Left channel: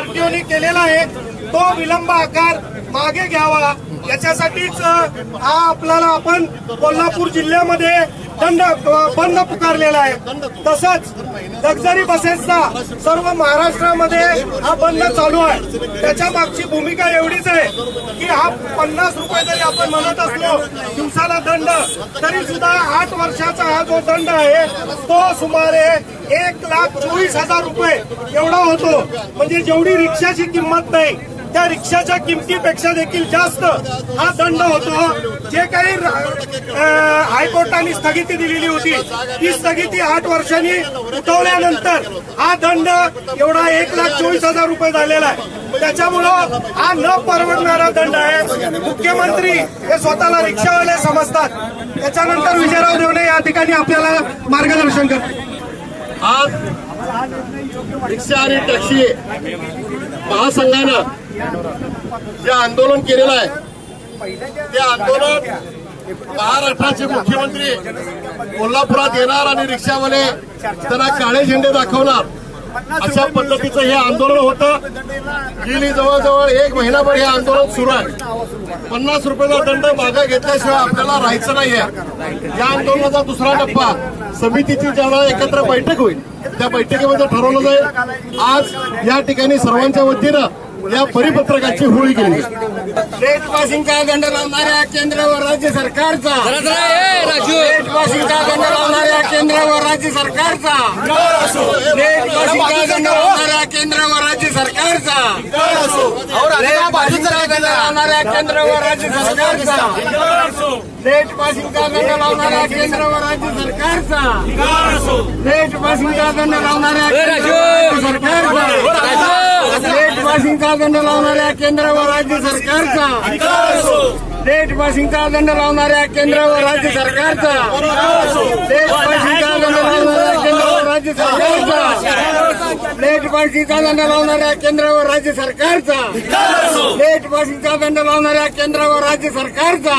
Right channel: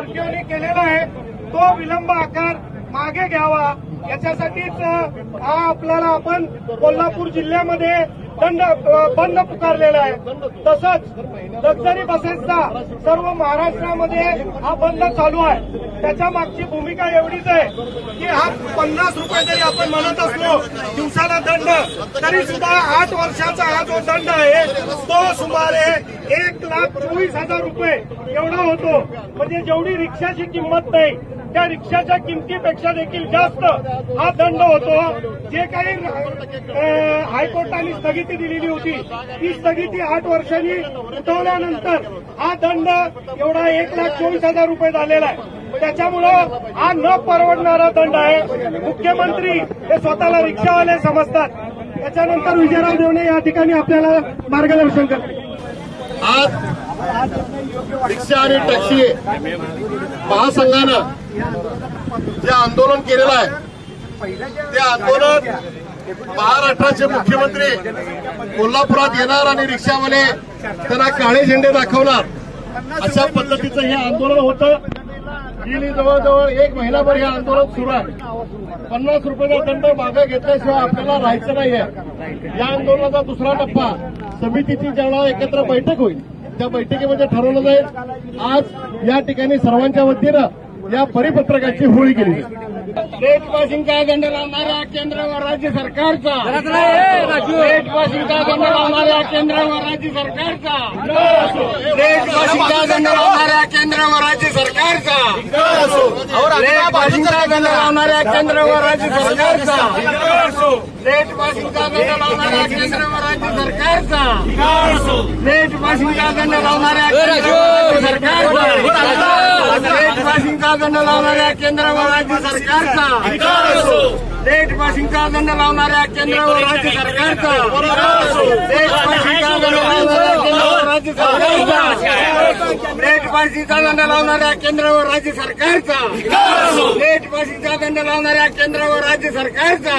आरटीओने केलेला आहे तो विलंब आकार मागे घ्यावा, याच्यासाठीच हा आपल्याला आपण कोल्हापूर जिल्ह्यामध्ये बंद पुकारलेला आहे। तसंच लक्झरी बसेसचा सर्व महाराष्ट्रामध्ये हा बंद चालू आहे। त्याच्या मागची भूमिका एवढीच आहे की हा 50 रुपये जरी आपण म्हणत असलो दिवसाला दंड, तरी सुद्धा 8 वर्षाचा हा जो दंड आहे तो सुमारे 1,24,000 रुपये एवढा होतो। म्हणजे जेवढी रिक्षाची किंमत नाही त्या रिक्षाच्या किमतीपेक्षा देखील जास्त हा दंड होतो। जे काही हायकोर्टाने स्थगिती दिलेली होती ती स्थगिती 8 वर्षांनी उठवल्यानंतर हा दंड एवढा 1,24,000 रुपये झालेला आहे। त्याच्यामुळं हा न परवडणारा दंड आहे। मुख्यमंत्री हे स्वतःला रिक्षावाले समजतात। त्याच्यानंतर विजयराव देवणे या ठिकाणी आपल्याला मार्गदर्शन करतील। आज रिक्षा आणि टॅक्सी महासंघानं जे आंदोलन केलेलं आहे ते आंदोलन महाराष्ट्राचे मुख्यमंत्री कोल्हापुरात येणार आणि रिक्षावाले त्यांना काळे झेंडे दाखवणार अशा पद्धतीचं हे आंदोलन होतं। गेली जवळजवळ 1 महिनाभर हे आंदोलन सुरू आहे। 50 रुपयाचा दंड मागे घेतल्याशिवाय आपल्याला राहायचं नाहीये। या आंदोलनाचा दुसरा टप्पा समितीची ज्यावेळेला एकत्र बैठक होईल त्या बैठकीमध्ये ठरवलं जाईल। आज या ठिकाणी सर्वांच्या वतीनं या परिपत्रकाची होळी केली। देशवासींचा दंड लावणाऱ्या केंद्र व राज्य सरकारचा, देशवासींचा दंड लावणाऱ्या केंद्र व राज्य सरकारचा, देशवासींचा दंड लावणाऱ्या केंद्र व राज्य सरकारचा, देशवासींचा दंड लावणाऱ्या केंद्र व राज्य सरकारचा, देशवासींचा दंड लावणाऱ्या केंद्र व राज्य सरकारचा, देशवासींचा दंड लावणाऱ्या सरकारचा, देशवासींचा दंड लावणाऱ्या केंद्र व राज्य सरकारचा, देशवासींचा दंड लावणाऱ्या केंद्र व राज्य सरकारचा, देशवासींचा दंड लावणाऱ्या केंद्र व राज्य सरकारचा, देशवासींचा दंड लावणाऱ्या केंद्र व राज्य सरकारचा,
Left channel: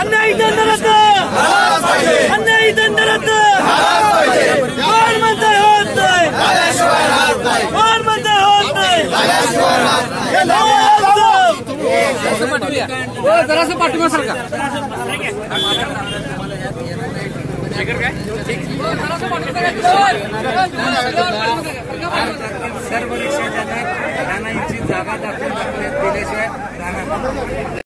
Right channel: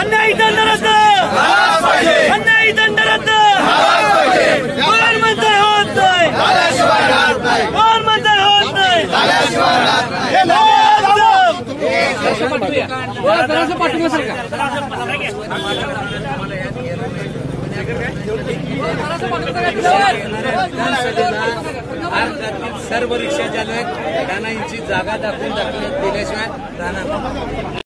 अन्यायी दंड रद्द, अन्यायी दंड रद्द, कोण म्हणतंय होत नाही, कोण म्हणतंय होत नाही, जरासं पाठिंबा सरकार सर्व रिक्षा चालक त्यांना यांची जागा दाखवून दिल्याशिवाय राहणार